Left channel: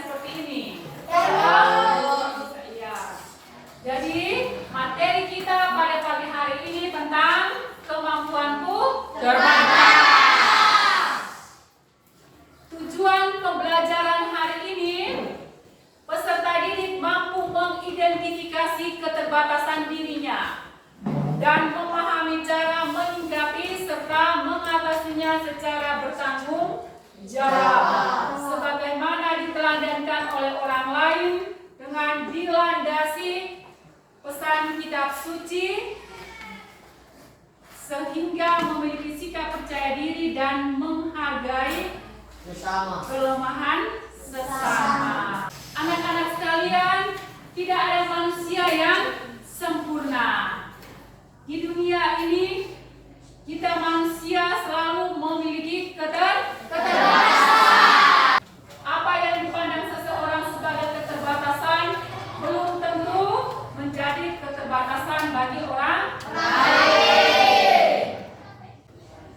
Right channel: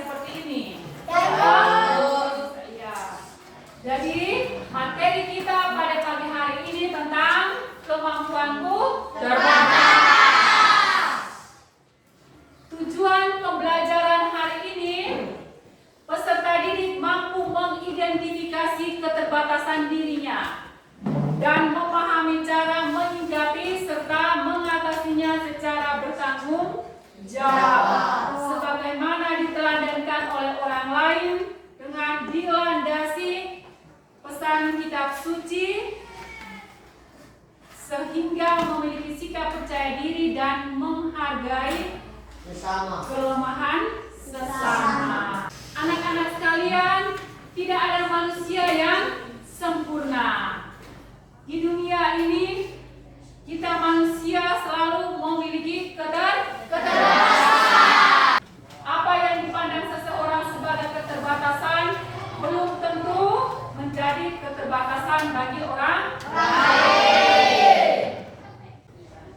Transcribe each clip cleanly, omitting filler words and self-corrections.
seperti ini? Ya. Jadi materi kita pada pagi hari ini tentang kemampuanku terbatas. Tujuan pembelajaran hari ini, peserta didik mampu mengidentifikasi keterbatasan dirinya dan memahami cara menyikapi serta mengatasinya secara bertanggung jawab, sebagaimana diteladankan oleh orang lain dengan dilandasi pesan kitab suci, sehingga memiliki sikap percaya diri dan menghargai kelemahan sesama. Anak-anak sekalian, tidak ada manusia yang sempurna. Di dunia ini, kita manusia selalu memiliki keterbatasan. Apa yang dipandang seseorang sebagai keterbatasan belum tentu menjadi keterbatasan bagi orang lain.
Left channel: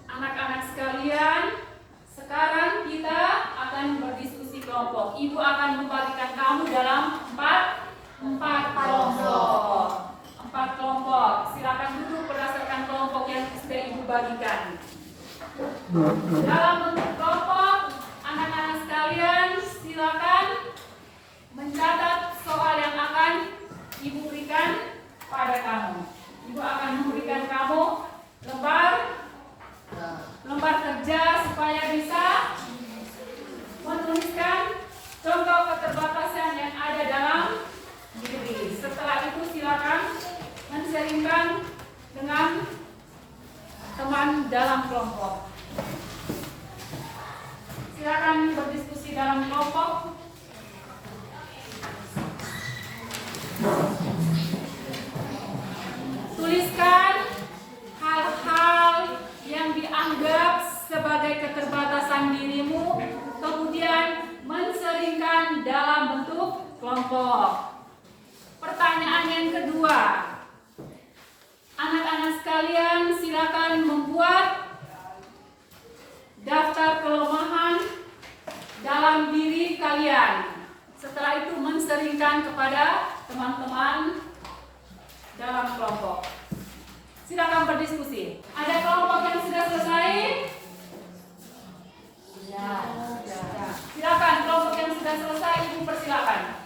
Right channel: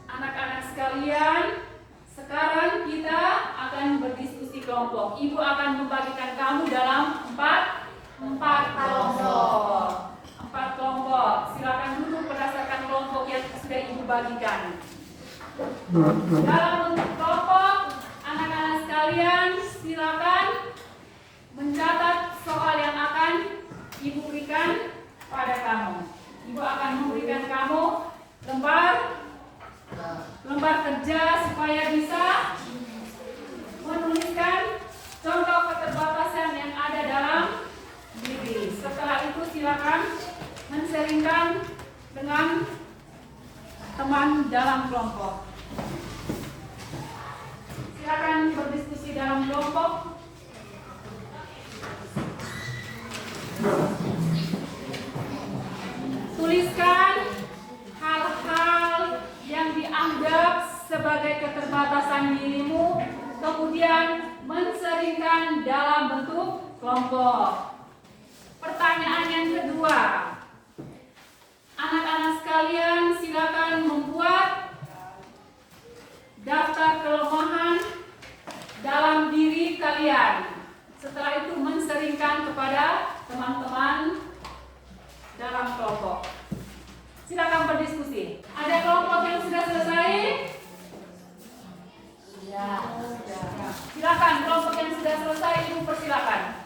Anak-anak sekalian, sekarang kita akan berdiskusi kelompok. Ibu akan membagikan kamu dalam empat kelompok. 4 kelompok. Silakan duduk berdasarkan kelompok yang sudah ibu bagikan. Dalam bentuk kelompok, anak-anak sekalian silakan mencatat soal yang akan ibu berikan pada kamu. Ibu akan memberikan kamu lembar kerja supaya bisa menuliskan contoh keterbatasan yang ada dalam diri. Setelah itu silakan men-sharingkan dengan teman dalam kelompok. Silakan berdiskusi dalam kelompok. Tuliskan hal-hal yang dianggap sebagai keterbatasan dirimu, kemudian men-sharingkan dalam bentuk kelompok. Pertanyaan yang kedua, anak-anak sekalian silakan membuat daftar kelemahan dalam diri kalian. Setelah itu men-sharingkan kepada teman-teman dalam kelompok. Silakan berdiskusi. Ada kelompok yang sudah selesai? Ya. Silakan kelompok yang sudah selesai, ibu persilakan.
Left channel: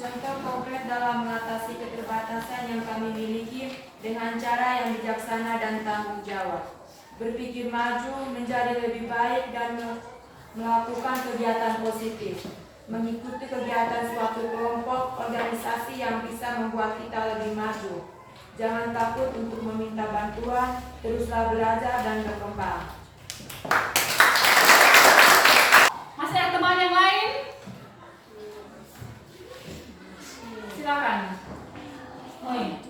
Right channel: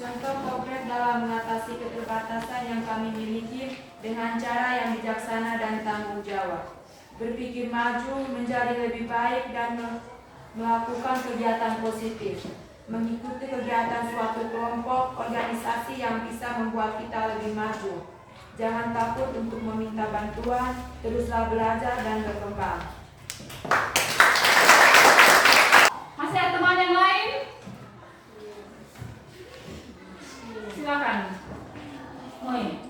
Contoh konkret dalam mengatasi keterbatasan yang kami miliki dengan cara yang bijaksana dan tanggung jawab. Berpikir maju, menjadi lebih baik dan melakukan kegiatan positif. Mengikuti kegiatan suatu kelompok organisasi yang bisa membuat kita lebih maju. Jangan takut untuk meminta bantuan, teruslah belajar dan berkembang. Masih ada teman yang lain? Silakan. Moi.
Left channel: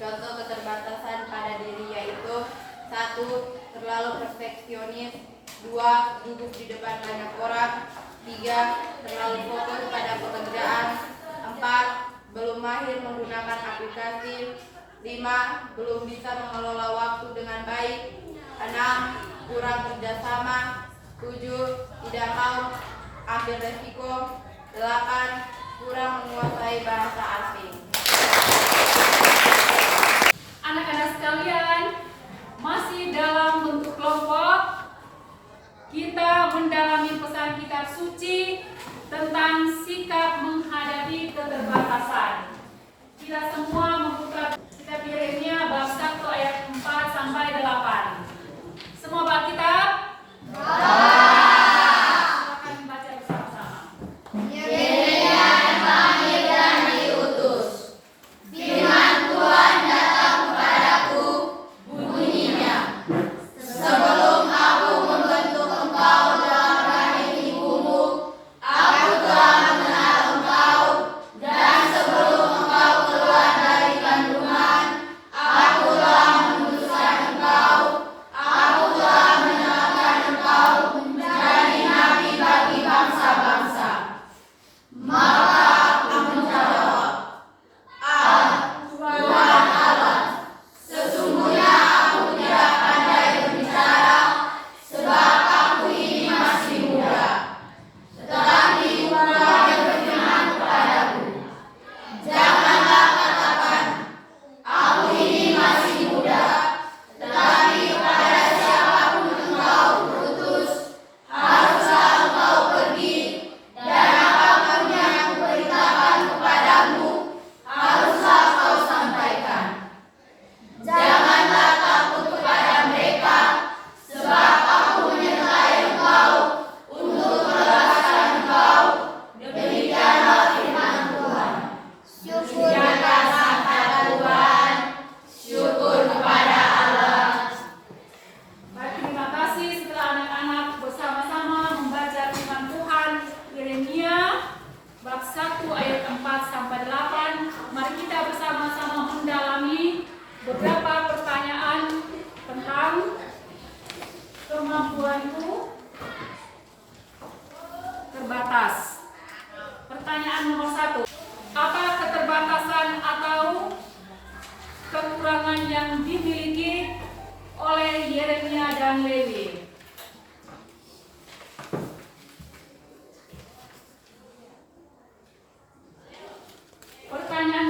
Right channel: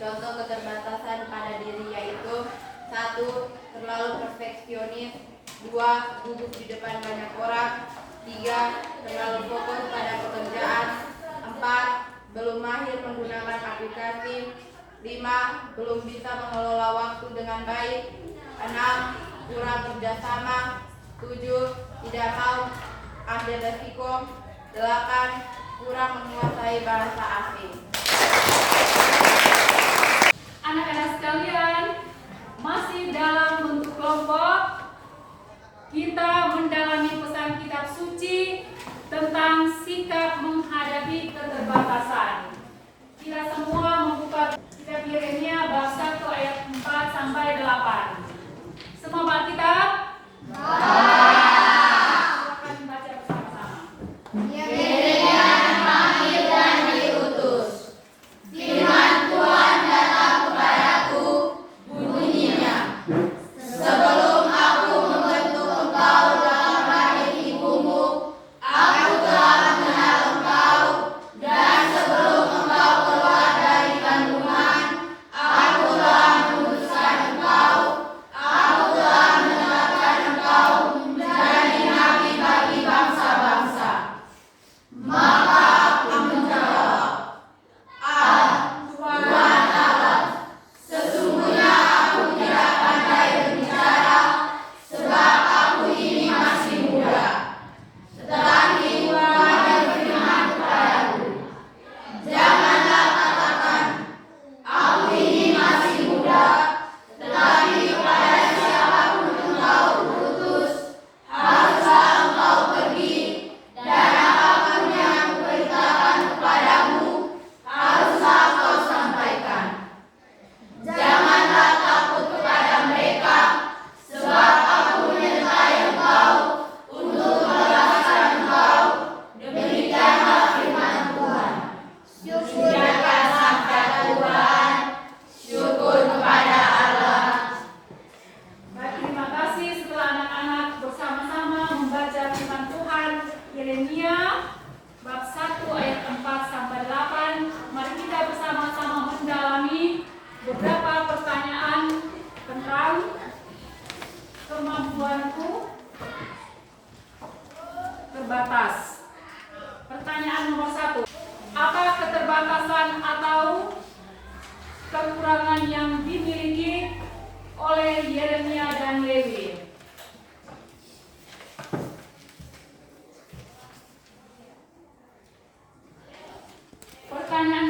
Contoh keterbatasan pada diri yaitu 1. Terlalu perfeksionis. 2. Gugup di depan banyak orang. 3. Terlalu fokus pada pekerjaan. 4. Belum mahir menggunakan aplikasi. 5. Belum bisa mengelola waktu dengan baik. 6. Kurang kerjasama. 7. Tidak mau ambil resiko. 8. Kurang menguasai bahasa asing. Anak-anak sekalian, masih dalam bentuk kelompok, kita mendalami pesan kitab suci tentang sikap menghadapi keterbatasan. Kita semua membuka kitab Yeremia bab 1 ayat 4 sampai 8. Semua baca kitab? Silakan baca bersama-sama. Yeremia dipanggil dan diutus.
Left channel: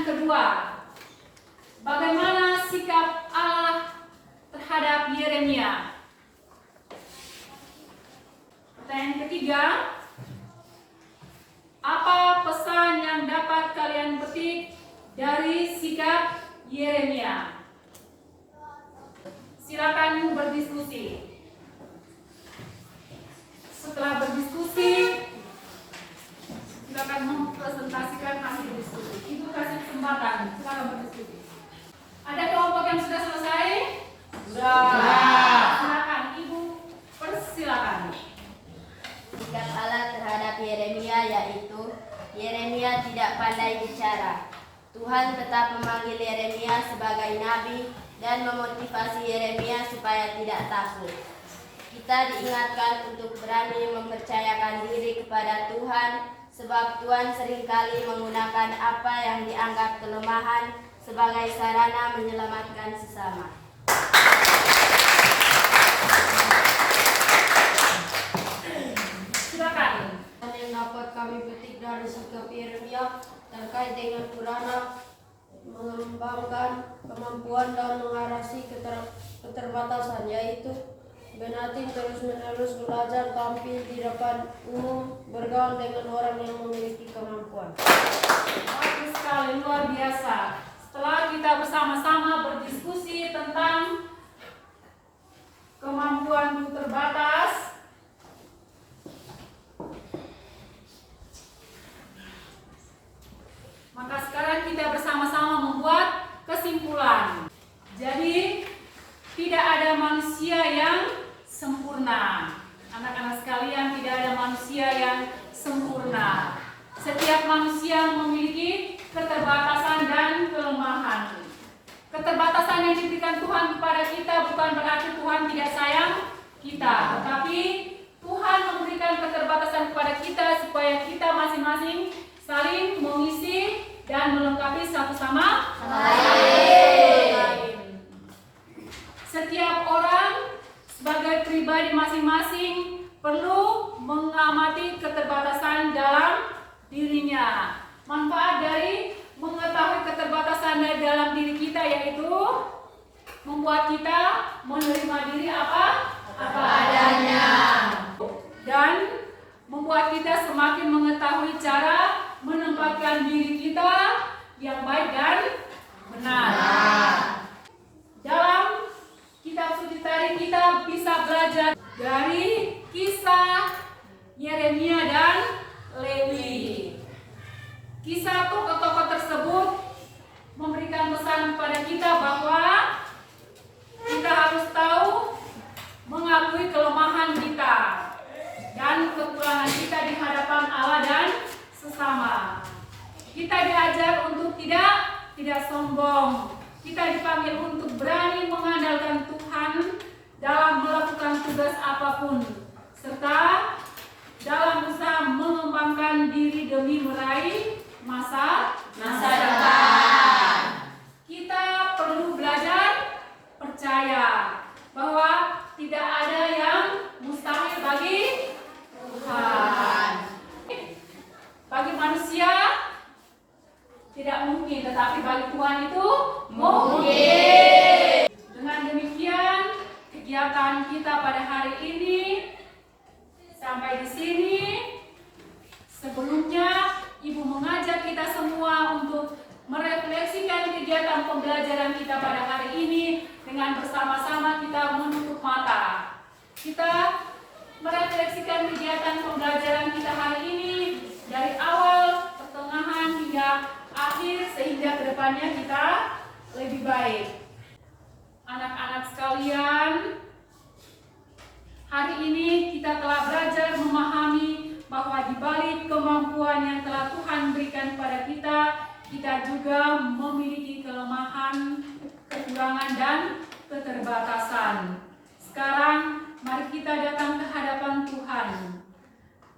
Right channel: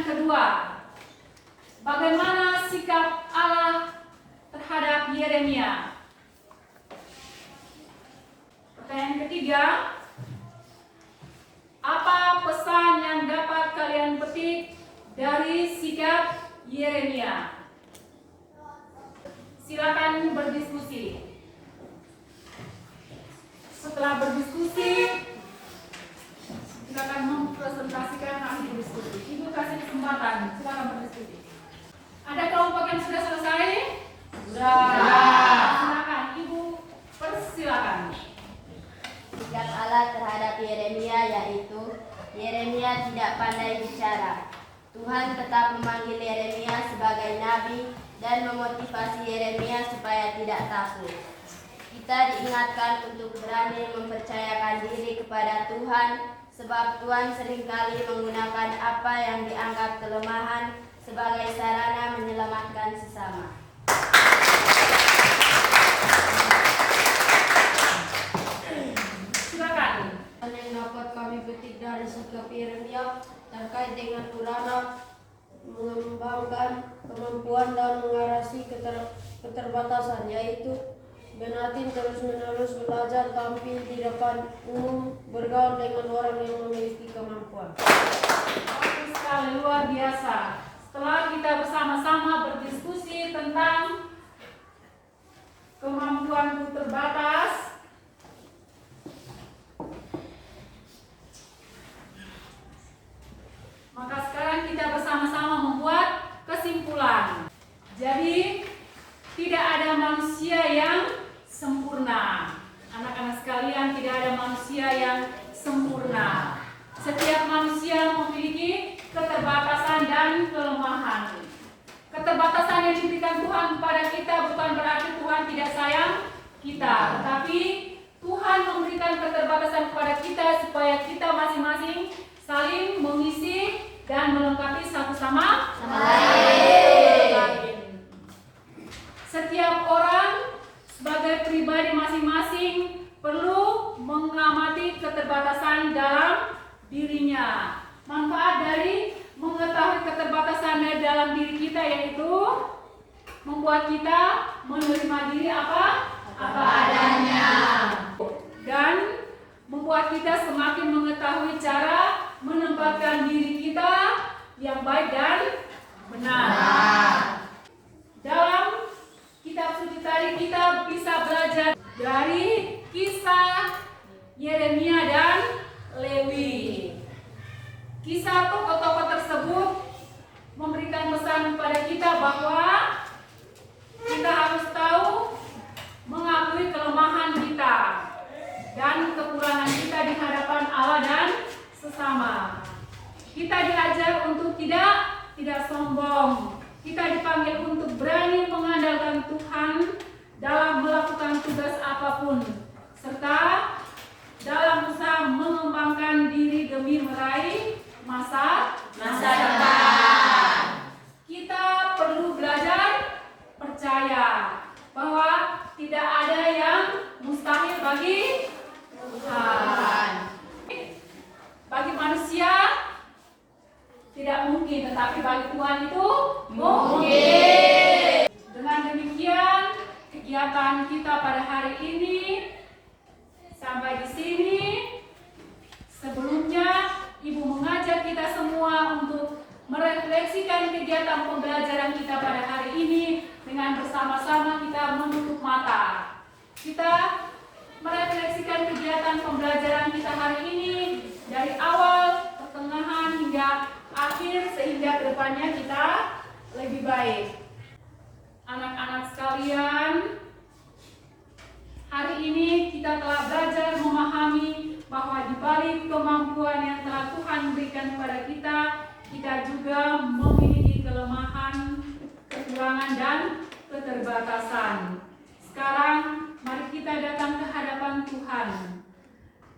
kedua, bagaimana sikap Allah terhadap Yeremia? Pertanyaan ketiga, apa pesan yang dapat kalian petik dari sikap Yeremia? Silakan berdiskusi. Setelah berdiskusi, silakan mempresentasikan hasil diskusi. Ibu kasih kesempatan, silakan berdiskusi. Ada kelompok yang sudah selesai? Sudah. Silakan, Ibu persilakan. Sikap Allah terhadap Yeremia yaitu Yeremia tidak pandai bicara. Tuhan tetap memanggil Yeremia sebagai nabi dan memotivasi Yeremia supaya tidak takut. Kita diingatkan untuk berani mempercayakan diri kepada Tuhan, sebab Tuhan seringkali menggunakan apa yang dianggap kelemahan sebagai sarana menyelamatkan sesama. Silakan. Yang dapat kami petik dari sikap Yeremia terkait dengan urana mengembangkan kemampuan dan mengatasi keterbatasan, yaitu Benatin terus-menerus belajar tampil di depan umum, bergaul dengan orang yang memiliki kemampuan. Bagus sekali, luar biasa. Setelah kita bersama-sama berdiskusi tentang kemampuan terbatas, maka sekarang kita bersama-sama membuat kesimpulan. Jadi, tidak ada manusia yang sempurna. Anak-anak sekalian, tidak ada manusia yang sempurna. Setiap manusia memiliki keterbatasan dan kelemahan. Keterbatasan yang diberikan Tuhan kepada kita bukan berarti Tuhan tidak sayang kita, tetapi Tuhan memberikan keterbatasan kepada kita supaya kita masing-masing saling mengisi dan melengkapi satu sama lain. Setiap orang sebagai pribadi masing-masing perlu mengamati keterbatasan dalam dirinya. Manfaat dari mengetahui keterbatasan dalam diri kita yaitu membuat kita menerima diri apa adanya, dan membuat kita semakin mengetahui cara menempatkan diri kita yang baik dan benar. Dalam kitab suci tadi kita bisa belajar dari kisah Yeremia dan Lewi. Kisah tokoh-tokoh tersebut memberikan pesan kepada kita bahwa kita harus tahu mengakui kelemahan kita dan kekurangan kita di hadapan Allah dan sesama. Kita diajar untuk tidak sombong. Kita dipanggil untuk berani mengandalkan Tuhan dalam melakukan tugas apapun, serta dalam usaha mengembangkan diri demi meraih masa depan. Kita perlu belajar percaya bahwa tidak ada yang mustahil bagi Tuhan. Bagi manusia tidak mungkin, tetapi bagi Tuhan itu mungkin. Dengan demikian, kegiatan kita pada hari ini sampai di sini. Sebelumnya, Ibu mengajak kita semua untuk merefleksikan kegiatan pembelajaran kita pada hari ini dengan bersama-sama kita menutup mata. Kita merefleksikan kegiatan pembelajaran kita hari ini dari awal, pertengahan hingga akhir, sehingga kedepannya kita lebih baik. Anak-anak sekalian, hari ini kita telah belajar memahami bahwa di balik kemampuan yang telah Tuhan berikan kepada kita, kita juga memiliki kelemahan, kekurangan, dan keterbatasan. Sekarang, mari kita datang ke hadapan Tuhan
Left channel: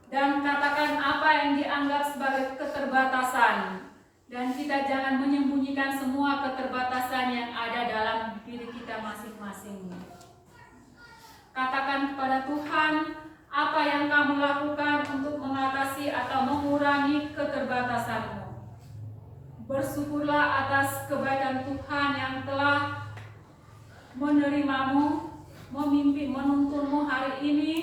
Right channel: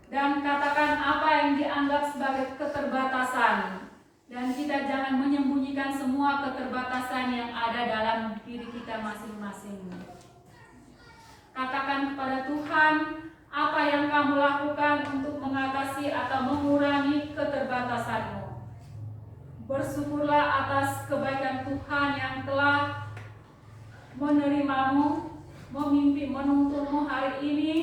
dan katakan apa yang dianggap sebagai keterbatasan. Dan kita jangan menyembunyikan semua keterbatasan yang ada dalam diri kita masing-masing. Katakan kepada Tuhan apa yang kamu lakukan untuk mengatasi atau mengurangi keterbatasanmu. Bersyukurlah atas kebaikan Tuhan yang telah menerimamu, menuntunmu hari ini,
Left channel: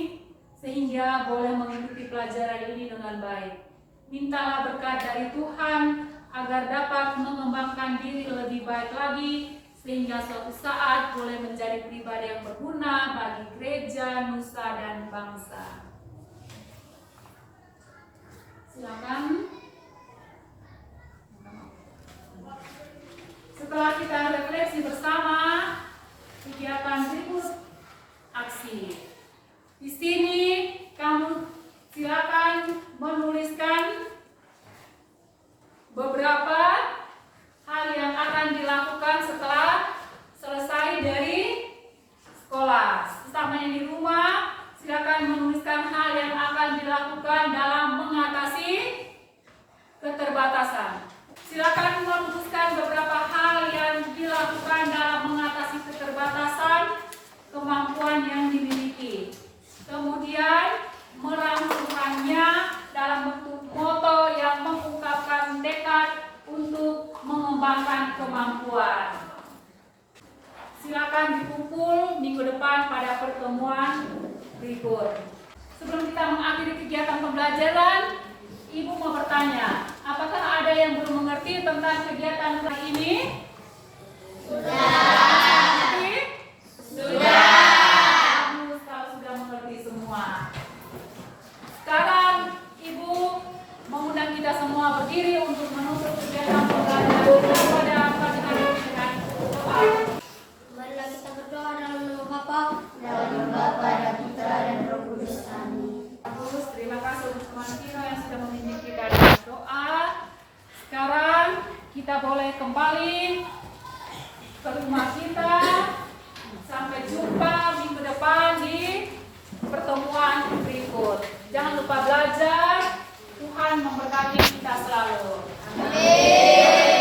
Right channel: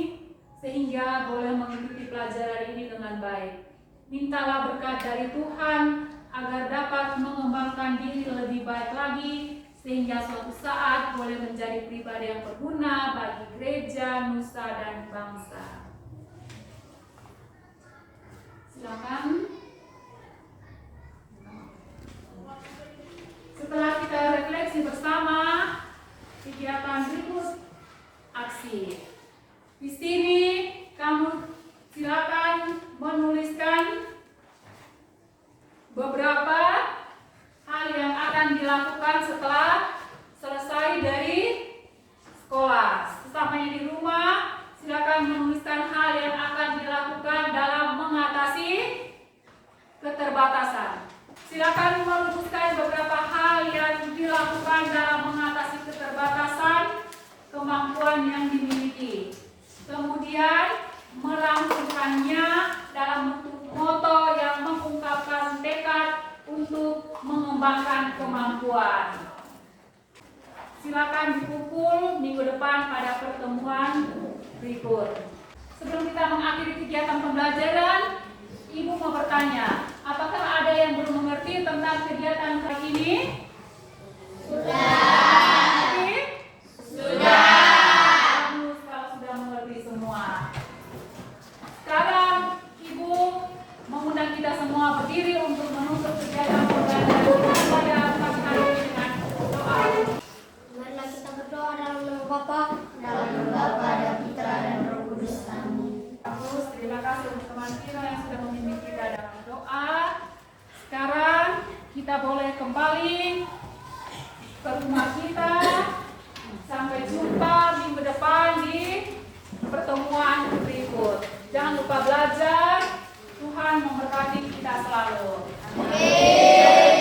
sehingga boleh mengikuti pelajaran ini dengan baik. Mintalah berkat dari Tuhan agar dapat mengembangkan diri lebih baik lagi, sehingga suatu saat boleh menjadi pribadi yang berguna bagi gereja, nusa, dan bangsa. Silakan. Setelah kita refleksi bersama, kegiatan berikut aksi. Di sini kamu silakan menuliskan beberapa hal yang akan dilakukan setelah selesai dari sekolah. Sesamanya di rumah, silakan menuliskan hal yang akan dilakukan dalam mengatasi keterbatasan. Silakan merumuskan beberapa hal yang dilakukan dalam mengatasi keterbatasan kemampuan yang dimiliki. Kemudian merampungkannya dalam bentuk moto yang mengungkapkan tekad untuk mengembangkan kemampuan. Silakan dikumpul minggu depan pada pertemuan berikut. Sebelum kita mengakhiri kegiatan pembelajaran, Ibu mau bertanya, apakah ada yang belum mengerti tentang kegiatan kali ini? Sudah. Kamu sudah mengerti semua. Sekarang Ibu mengundang kita semua berdiri untuk menutup kegiatan pembelajaran pada pagi hari ini dengan doa. Marilah kita berdoa dalam nama Bapa, dalam nama Bapa dan Putra dan Roh Kudus. Amin. Bagus, terima kasih untuk teman kita yang sudah memimpin kita dengan doa. Sekarang kita boleh kembali ke rumah kita. Sampai jumpa minggu depan di pertemuan berikut. Jangan lupa belajar. Tuhan memberkati kita selalu. Amin.